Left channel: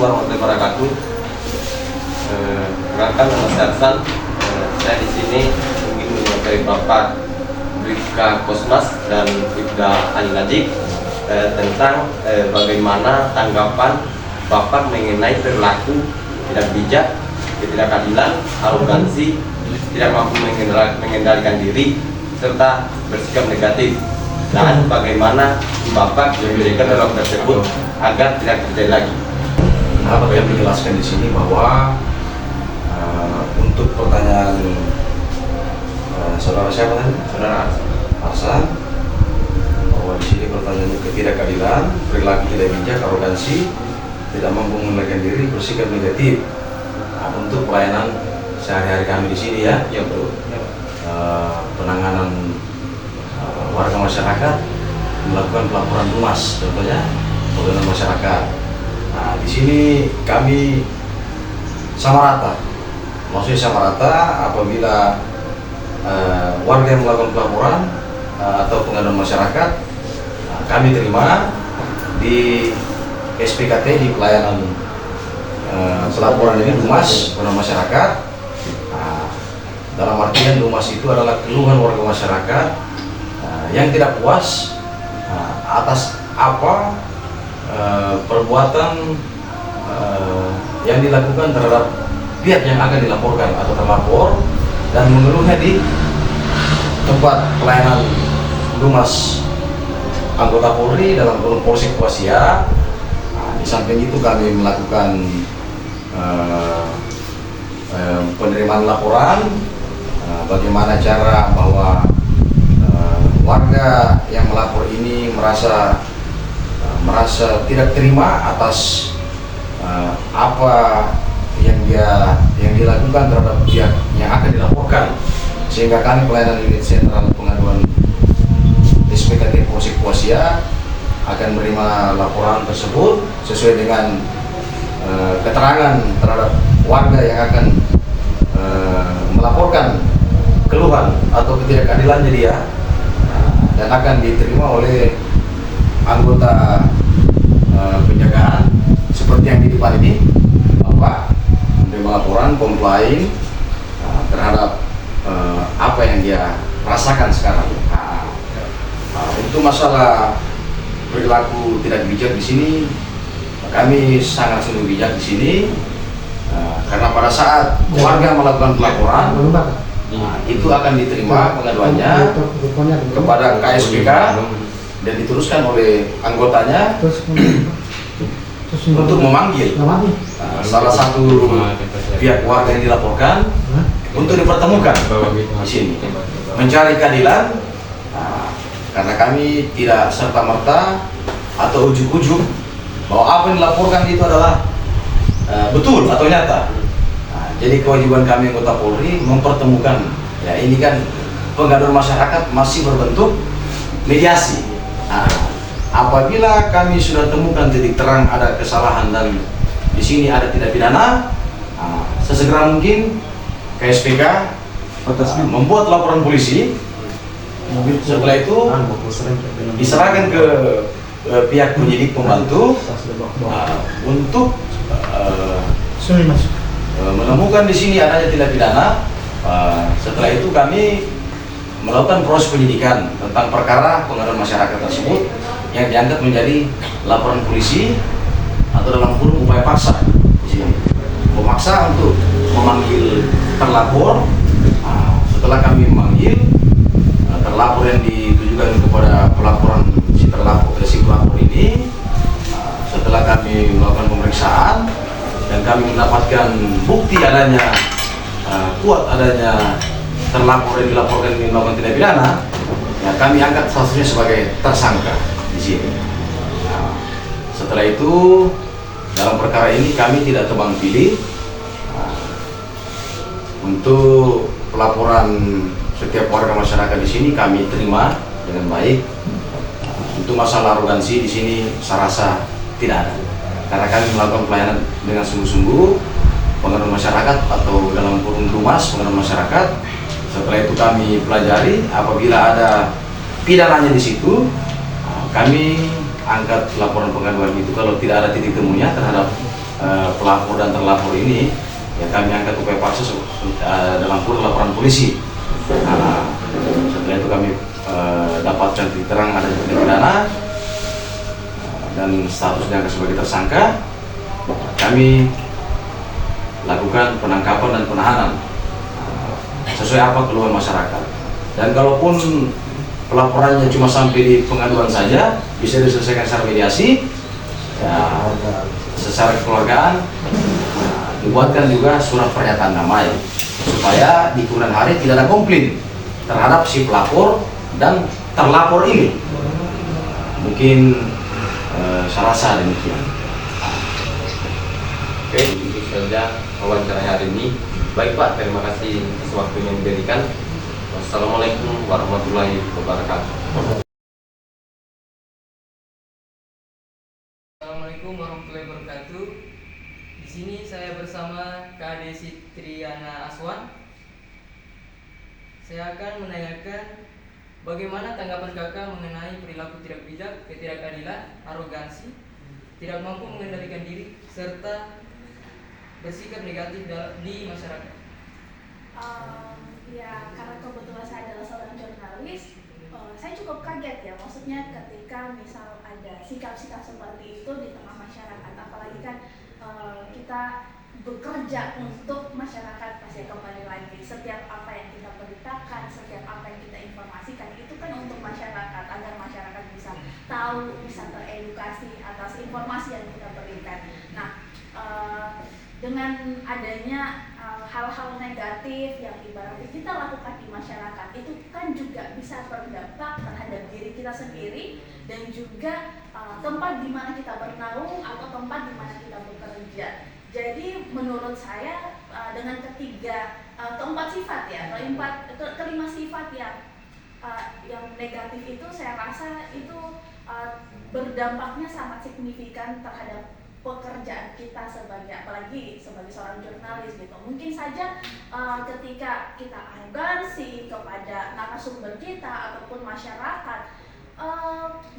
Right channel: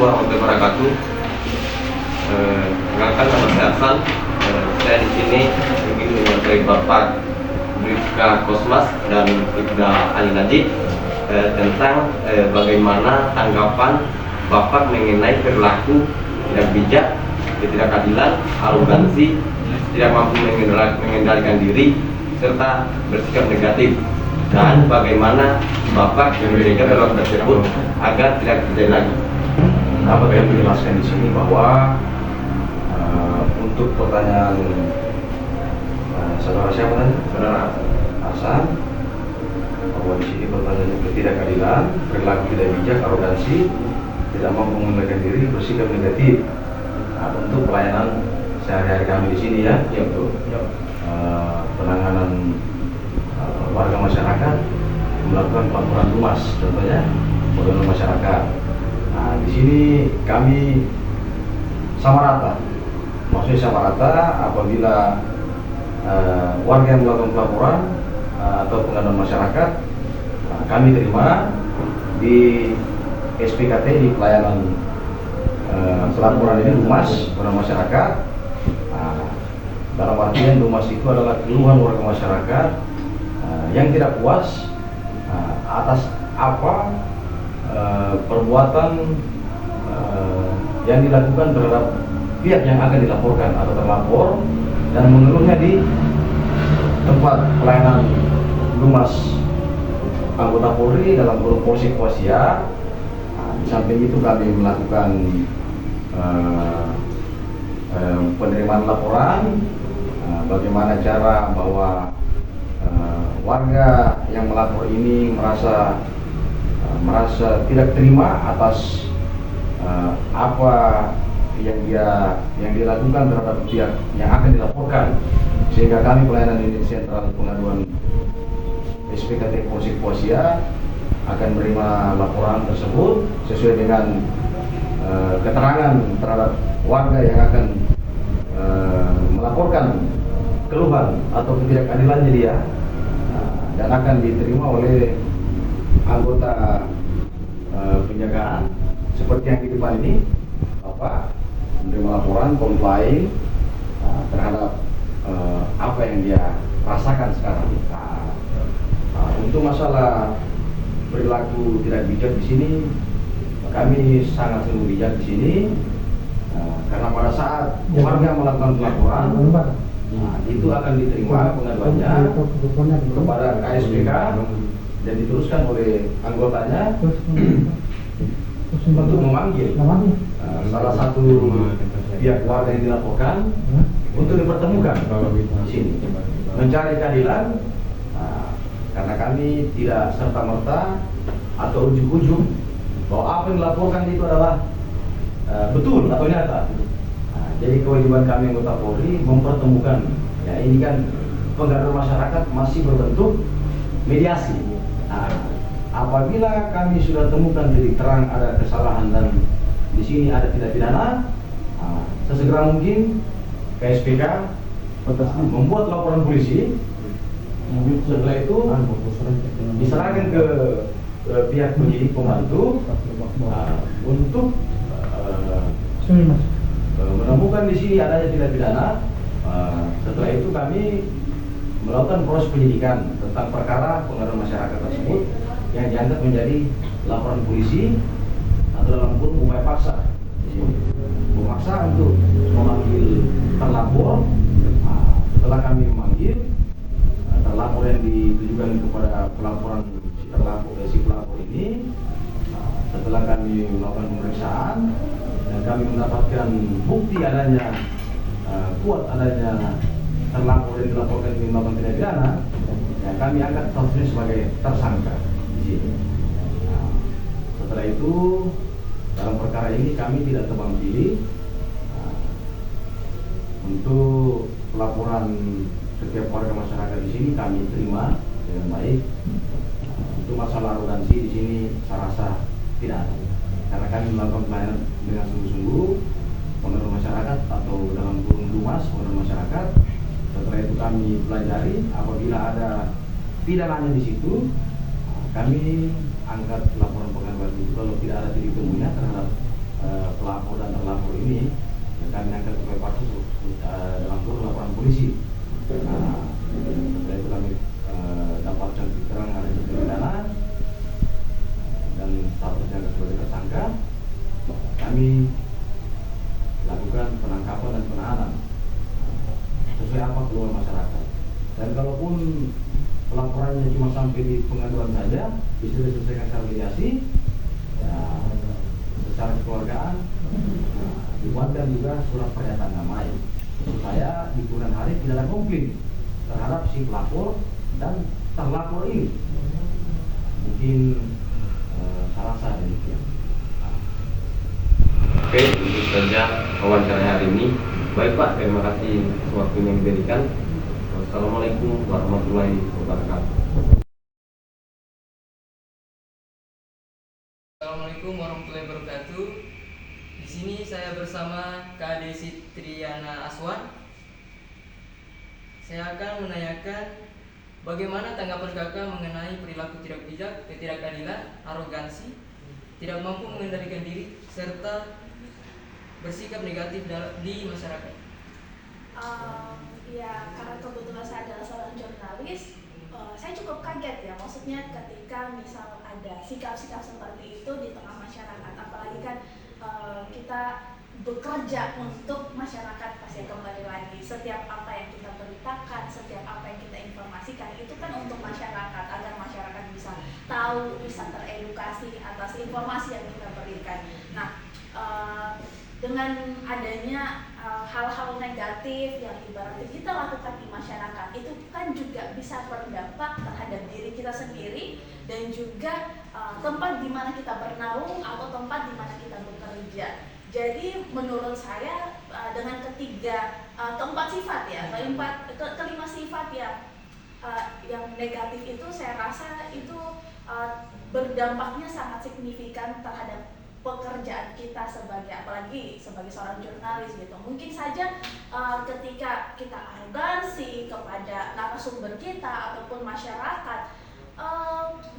warahmatullahi wabarakatuh. Perkenalkan nama saya Hasan. Saya di sini ingin mewakili Bapak Bribka Kosmas dan Ibda Ali Najib tentang bagaimana tanggapan Bapak mengenai perilaku tidak bijak, ketidakadilan, arogansi, tidak mampu mengendalikan diri, serta bersikap negatif. Dan bagaimana Bapak memberikan dalam tersebut agar tidak terjadi lagi. Dapat kami jelaskan di sini bahwa untuk pertanyaan saudara siapa tadi? Saudara Hasan, bahwa di sini pertanyaannya ketidakadilan, perilaku tidak bijak, arogansi, tidak mampu mengendalikan diri, bersikap negatif. Nah, untuk pelayanan sehari-hari kami di sini ya, betul. Penanganan warga masyarakat melakukan pelaporan lumas, contohnya pelayanan masyarakat. Nah, di sini kami sama rata, maksudnya sama rata apabila warga yang melakukan pelaporan atau pengaduan masyarakat, kami terima di SPKT, di pelayanan pelaporan ini lumas kepada masyarakat. Dalam artian lumas itu adalah keluhan warga masyarakat yang tidak puas atas apa perbuatan yang dilakukan terhadap pihak yang akan dilaporkan atau terlapor, dan mengeluhnya di tempat pelayanan lumas anggota Polri dalam kurung Polsek Wasia. Di samping itu kami melakukan penerimaan laporan bagaimana cara bahwa warga yang melapor ini merasa tidak terima atas apa yang dilakukan terhadap pihak yang akan dilaporkan, sehingga kami pelayanan unit sentral pengaduan SPKT Polsek Wasia akan menerima laporan tersebut sesuai dengan keterangan terhadap warga yang akan melaporkan keluhan atau ketidakadilannya dia, dan akan diterima oleh anggota penjagaan seperti yang di depan ini, Bapak menerima laporan, komplain terhadap apa yang dia rasakan sekarang. Untuk masalah perilaku tidak bijak di sini, kami sangat sering bijak di sini karena pada saat warga melakukan pelaporan, itu akan diterima pengaduannya kepada KSPK dan diteruskan oleh anggotanya untuk memanggil salah satu pihak warga yang dilaporkan untuk dipertemukan di sini, mencari keadilan. Karena kami tidak serta-merta atau ujuk-ujuk bahwa apa yang dilaporkan itu adalah betul atau nyata. Jadi kewajiban kami anggota Polri mempertemukan. Ya, ini kan pengaduan masyarakat masih berbentuk mediasi. Apabila kami sudah temukan titik terang ada kesalahan dan di sini ada tindak pidana, sesegera mungkin KSPK membuat laporan polisi. Setelah itu diserahkan ke pihak penyidik pembantu untuk menemukan di sini adanya tindak pidana. Setelah itu kami melakukan proses penyidikan tentang perkara pengaduan masyarakat tersebut yang dianggap menjadi laporan polisi atau dalam kurung upaya paksa. Memaksa untuk memanggil terlapor. Setelah kami memanggil terlapor yang ditujukan kepada pelaporan si pelapor ini, setelah kami melakukan pemeriksaan dan kami mendapatkan bukti adanya kuat adanya terlapor yang dilaporkan ini melakukan tindak pidana, ya kami angkat statusnya sebagai tersangka di sini. Setelah itu dalam perkara ini kami tidak tebang pilih untuk pelaporan setiap warga masyarakat di sini kami terima dengan baik. Untuk masalah arogansi di sini saya rasa tidak ada, karena kami melakukan pelayanan dengan sungguh-sungguh pengaduan masyarakat atau dalam kurung lumas pengaduan masyarakat. Setelah itu kami pelajari, apabila ada pidananya di situ, kami angkat laporan pengaduan itu kalau tidak ada titik temunya terhadap pelapor dan terlapor ini, ya kami angkat upaya paksa dalam kurun laporan polisi. Nah, setelah itu kami dapatkan titik terang ada tindak pidana dan status diangkat sebagai tersangka. Kami lakukan penangkapan dan penahanan sesuai apa keluhan masyarakat. Dan kalaupun pelaporannya cuma sampai di pengaduan saja, bisa diselesaikan secara mediasi, ya, secara kekeluargaan, dibuatkan juga surat pernyataan damai supaya di kemudian hari tidak ada komplain terhadap si pelapor dan terlapor ini. Mungkin saya rasa demikian. Oke, itu saja wawancara hari ini. Baik Pak, terima kasih atas waktunya yang diberikan. Wassalamualaikum warahmatullahi wabarakatuh. Assalamualaikum warahmatullahi wabarakatuh. Di sini saya bersama Kak Desi Triana Aswan. Saya akan menanyakan bagaimana tanggapan kakak mengenai perilaku tidak bijak, ketidakadilan, arogansi, tidak mampu mengendalikan diri, serta bersikap negatif di masyarakat. Ya, karena kebetulan saya adalah seorang jurnalis, saya cukup kaget ya. Maksudnya ketika misal ada sikap-sikap seperti itu di tengah masyarakat, apalagi kan kita bekerja untuk masyarakat. Pasti kembali lagi, setiap apa yang kita beritakan, setiap apa yang kita informasikan itu kan untuk masyarakat, agar masyarakat bisa tahu, bisa teredukasi atas informasi yang kita berikan. Nah, dengan adanya hal-hal negatif yang ibaratnya kita lakukan di masyarakat, itu kan juga bisa berdampak terhadap diri kita sendiri dan juga tempat di mana kita bernaung atau tempat di mana kita bekerja. Jadi menurut saya dengan keempat sifat ya, kelima sifat yang negatif itu, saya rasa itu berdampaknya sangat signifikan terhadap pekerjaan kita apalagi sebagai seorang jurnalis gitu. Mungkin saja ketika kita arogansi kepada narasumber kita ataupun masyarakat,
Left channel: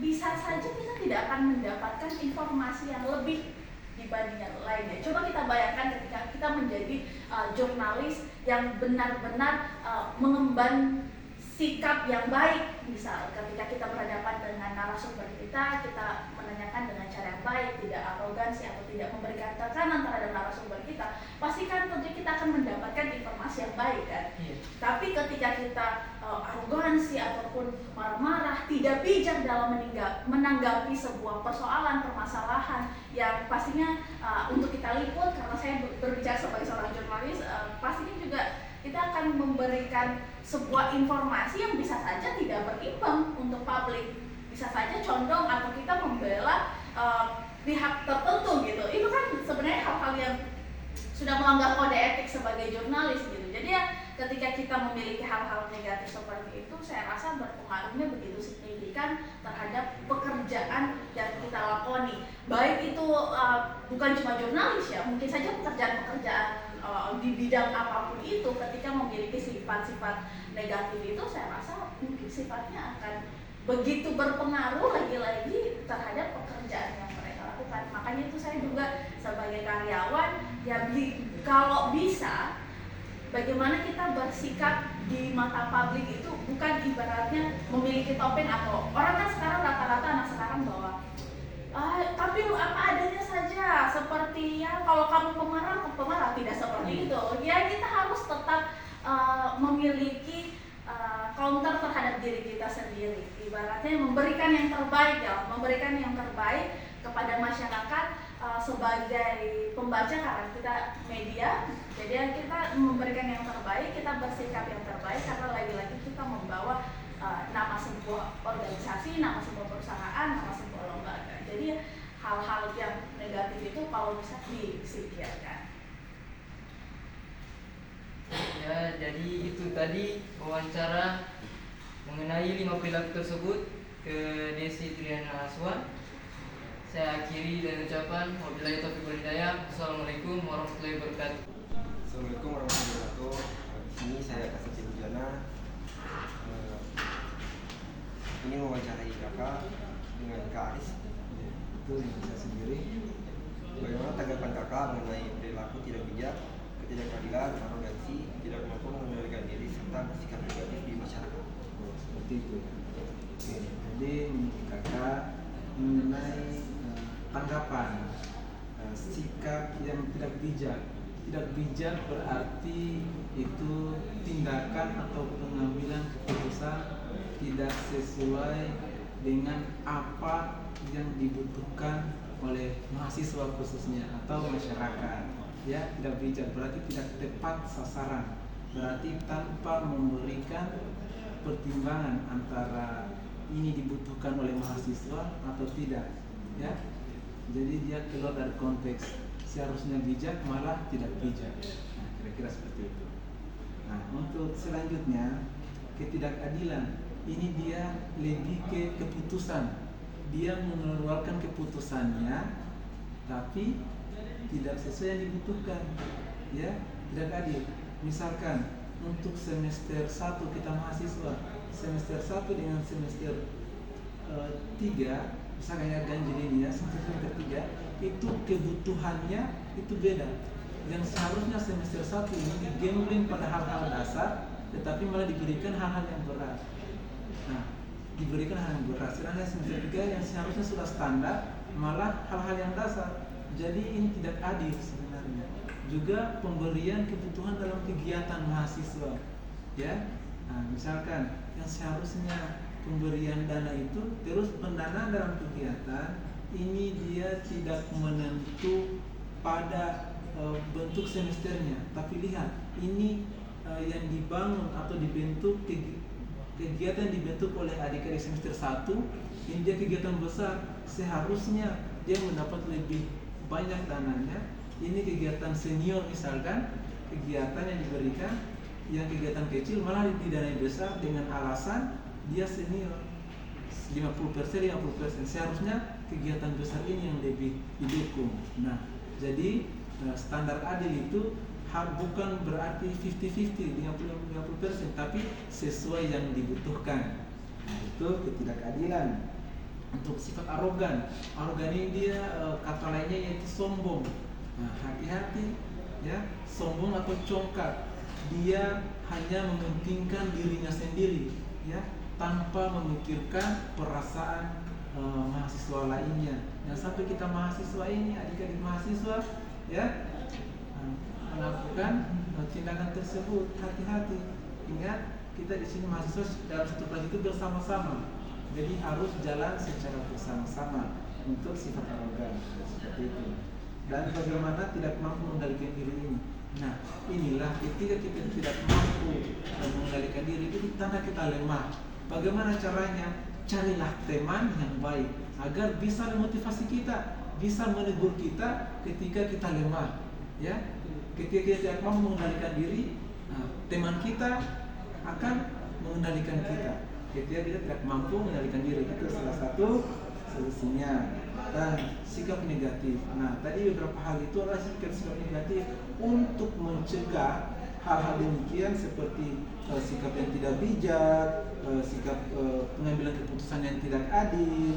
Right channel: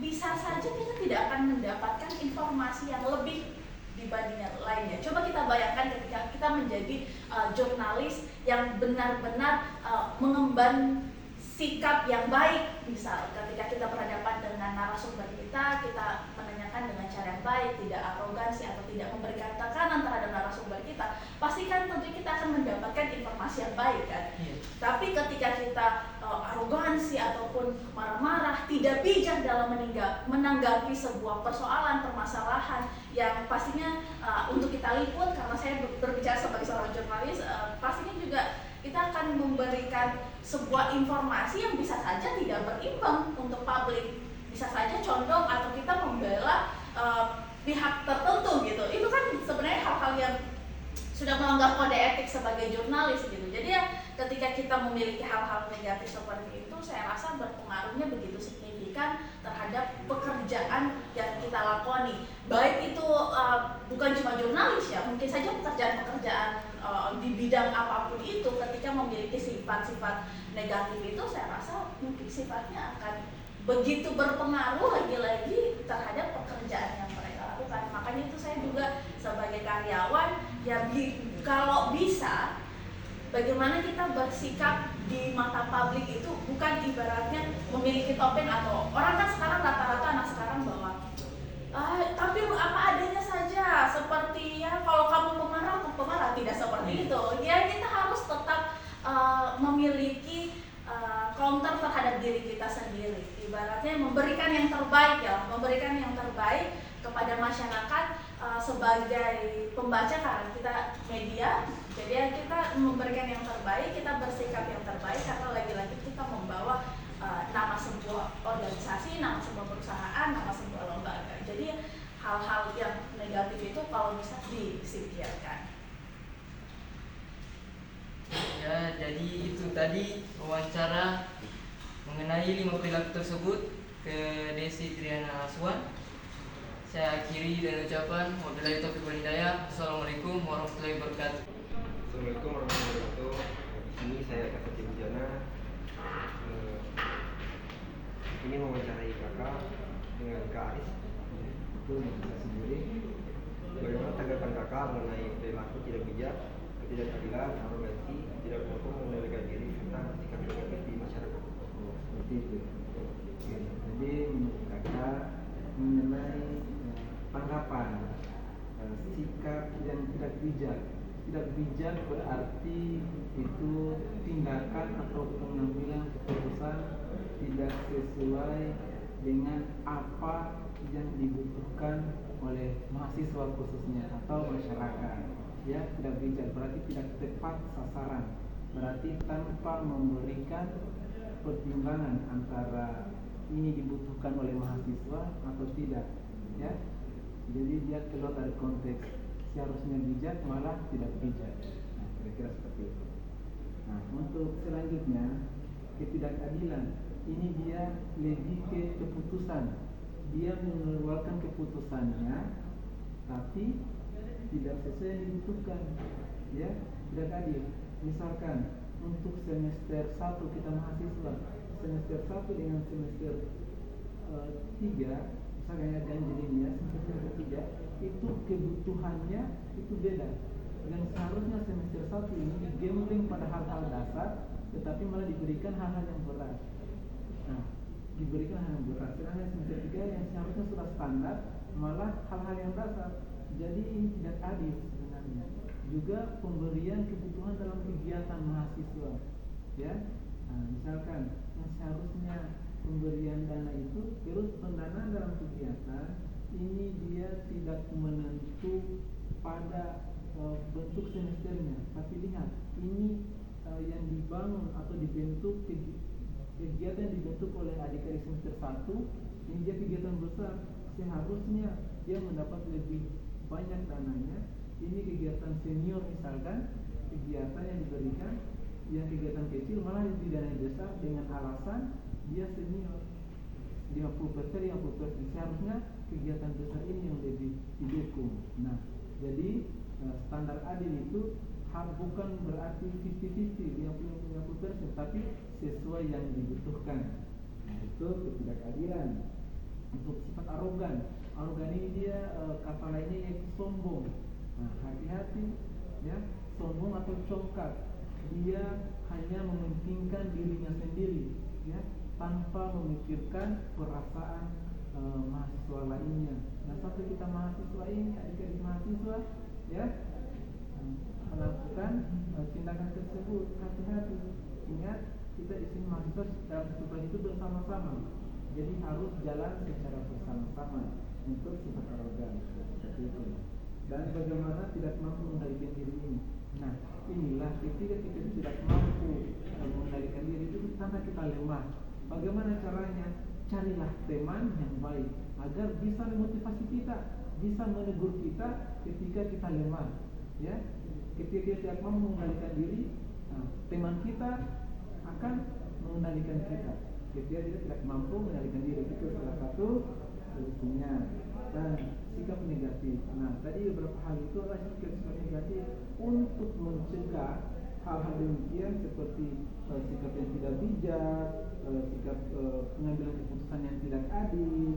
bisa saja kita tidak akan mendapatkan informasi yang lebih dibanding yang lainnya. Coba kita bayangkan ketika kita menjadi jurnalis yang benar-benar mengemban sikap yang baik, misal ketika kita berhadapan dengan narasumber kita menanyakan dengan cara yang baik, tidak arogansi atau tidak memberikan tekanan terhadap narasumber kita, pasti kan tentu kita akan mendapatkan informasi yang baik kan. Tapi ketika kita arogansi ataupun marah-marah, tidak bijak dalam menanggapi sebuah persoalan, permasalahan yang pastinya untuk kita liput, karena saya berbicara sebagai seorang jurnalis, pastinya juga kita akan memberikan sebuah informasi yang bisa saja tidak berimbang untuk publik, bisa saja condong atau kita membela pihak tertentu gitu. Itu kan sebenarnya hal-hal yang sudah melanggar kode etik sebagai jurnalis gitu. Jadi ya ketika kita memiliki hal-hal negatif seperti itu, saya rasa berpengaruhnya begitu signifikan terhadap pekerjaan yang kita lakoni. Baik itu bukan cuma jurnalis ya, mungkin saja pekerjaan-pekerjaan di bidang apapun itu, ketika memiliki sifat-sifat negatif itu, saya rasa mungkin sifatnya akan begitu berpengaruh lagi-lagi terhadap pekerjaan yang mereka lakukan. Makanya itu saya juga sebagai karyawan ya, kalau bisa bagaimana kita bersikap di mata publik itu bukan ibaratnya memiliki topeng, atau orang kan sekarang rata-rata anak sekarang bahwa tapi apa adanya saja, seperti ya kalau kamu pemarah tidak seperti itu ya. Kita harus tetap memiliki counter terhadap diri kita sendiri, ibaratnya memberikan yang terbaik kepada masyarakat sebagai pembaca, karena kita media. Jadi ya kita memberikan yang terbaik, kita bersikap yang terbaik, karena lagi-lagi kita membawa nama sebuah organisasi, nama sebuah perusahaan, nama sebuah lembaga. Jadi hal-hal yang negatif itu kalau bisa disingkirkan. Ya, jadi itu tadi wawancara mengenai 5 perilaku tersebut ke Desi Triana Aswan. Saya akhiri dengan ucapan wabillahi taufiq wal hidayah. Assalamualaikum warahmatullahi wabarakatuh. Assalamualaikum warahmatullahi wabarakatuh. Di sini saya Kasih Bujana. Ini mewawancarai kakak dengan Kak Aris. Itu bisa sendiri. Bagaimana tanggapan kakak Bapak mengenai perilaku tidak bijak, ketidakadilan, arogansi, tidak mampu mengendalikan diri serta sikap negatif di masyarakat. Seperti itu. Oke, jadi menurut kakak mengenai tanggapan sikap yang tidak bijak. Tidak bijak berarti itu tindakan atau pengambilan keputusan tidak sesuai dengan apa yang dibutuhkan oleh mahasiswa khususnya atau masyarakat. Ya, tidak bijak berarti tidak tepat sasaran. Berarti tanpa memberikan pertimbangan antara ini dibutuhkan oleh mahasiswa atau tidak. Ya, jadi dia keluar dari konteks. Seharusnya bijak malah tidak bijak. Nah, kira-kira seperti itu. Nah, untuk selanjutnya ketidakadilan. Ini dia lebih ke keputusan. Dia mengeluarkan keputusannya, tapi tidak sesuai yang dibutuhkan. Ya, tidak adil. Misalkan untuk semester 1 kita mahasiswa, semester 1 dengan semester 3, misalkan ya ganjil ini ya, semester 3 itu kebutuhannya itu beda. Yang seharusnya semester 1 ini digambling pada hal-hal dasar, tetapi malah diberikan hal-hal yang berat. Nah, diberikan hal yang berat. Sedangkan semester 3 yang seharusnya sudah standar, malah hal-hal yang dasar. Jadi ini tidak adil sebenarnya. Juga pemberian kebutuhan dalam kegiatan mahasiswa. Ya, nah, misalkan yang seharusnya pemberian dana itu terus pendanaan dalam kegiatan ini dia tidak menentu pada bentuk semesternya, tapi lihat ini yang dibangun atau dibentuk kegiatan dibentuk oleh adik-adik semester 1 ini dia kegiatan besar, seharusnya dia mendapat lebih banyak dananya. Ini kegiatan senior misalkan, kegiatan yang diberikan yang kegiatan kecil malah didanai besar dengan alasan dia senior 50%. Seharusnya kegiatan besar ini yang lebih didukung. Nah, jadi standar adil itu bukan berarti 50-50 50%, tapi sesuai yang dibutuhkan. Nah, itu ketidakadilan. Untuk sifat arogan ini dia kata lainnya yaitu sombong. Nah, hati-hati ya, sombong atau congkak. Dia hanya mementingkan dirinya sendiri ya, tanpa memikirkan perasaan mahasiswa lainnya. Yang sampai kita mahasiswa ini, adik-adik mahasiswa ya, melakukan tindakan tersebut. Hati-hati. Ingat, kita di sini mahasiswa dalam satu kelas itu bersama-sama. Jadi harus jalan secara bersama-sama untuk sifat arogan seperti itu. Dan bagaimana tidak mampu mengendalikan diri ini. Nah, inilah ketika kita tidak mampu mengendalikan diri, itu tanda kita lemah. Bagaimana caranya? Carilah teman yang baik agar bisa memotivasi kita, bisa menegur kita ketika kita lemah. Ya, ketika kita tidak mampu mengendalikan diri, nah, teman kita akan mengendalikan kita. Ketika kita tidak mampu mengendalikan diri, itu salah satu solusinya. Dan sikap negatif. Nah, tadi beberapa hal itu adalah sikap negatif untuk mencegah hal-hal demikian seperti sikap yang tidak bijak, sikap pengambilan keputusan yang tidak adil,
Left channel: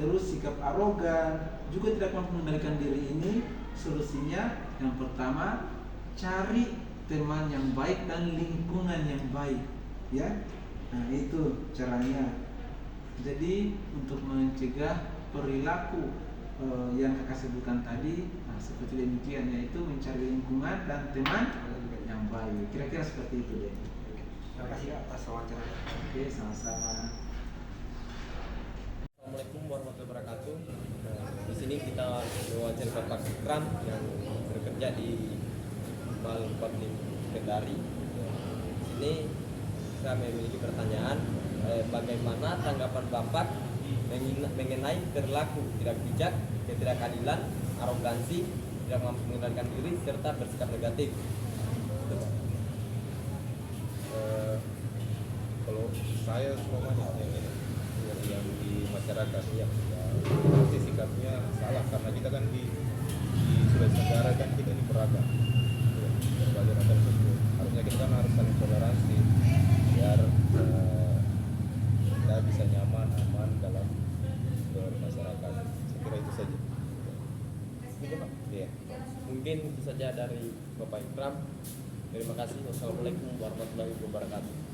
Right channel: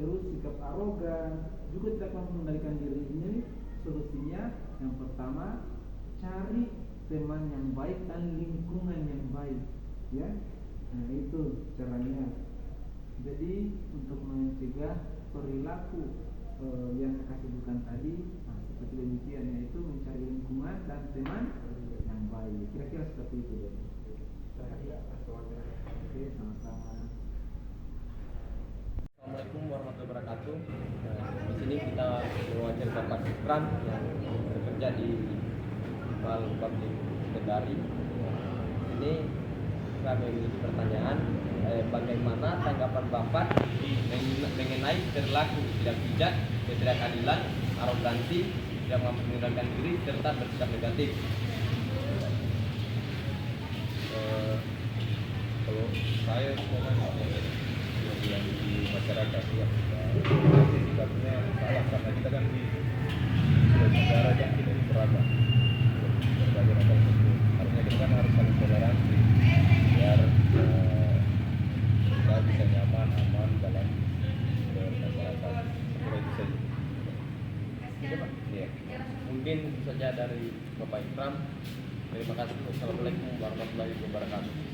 terus sikap arogan, juga tidak mampu mengendalikan diri ini. Solusinya yang pertama, cari teman yang baik dan lingkungan yang baik, ya. Nah, itu caranya. Jadi untuk mencegah perilaku yang kakak sebutkan tadi, nah, seperti demikian, yaitu mencari lingkungan dan teman yang baik. Kira-kira seperti itu deh. Terima kasih atas wawancaranya. Oke, sama-sama. Assalamualaikum warahmatullahi wabarakatuh. Di sini kita mewawancari Bapak Sukran yang bekerja di Malpabrik Kendari. Di sini kami memiliki pertanyaan, bagaimana tanggapan Bapak mengenai perilaku tidak bijak, ketidakadilan, arogansi, tidak mampu mengendalikan diri serta bersikap negatif? Kalau saya yang di masyarakat ya, pasti sikapnya salah karena kita kan di Sulawesi Tenggara kan kita ini beragam, berbagai macam suku. Harusnya kita kan harus saling toleransi biar kita bisa nyaman, aman dalam bermasyarakat. Saya kira itu saja. saja Pak. Iya. Mungkin itu saja dari Bapak Ikram. Terima kasih. Wassalamualaikum warahmatullahi wabarakatuh.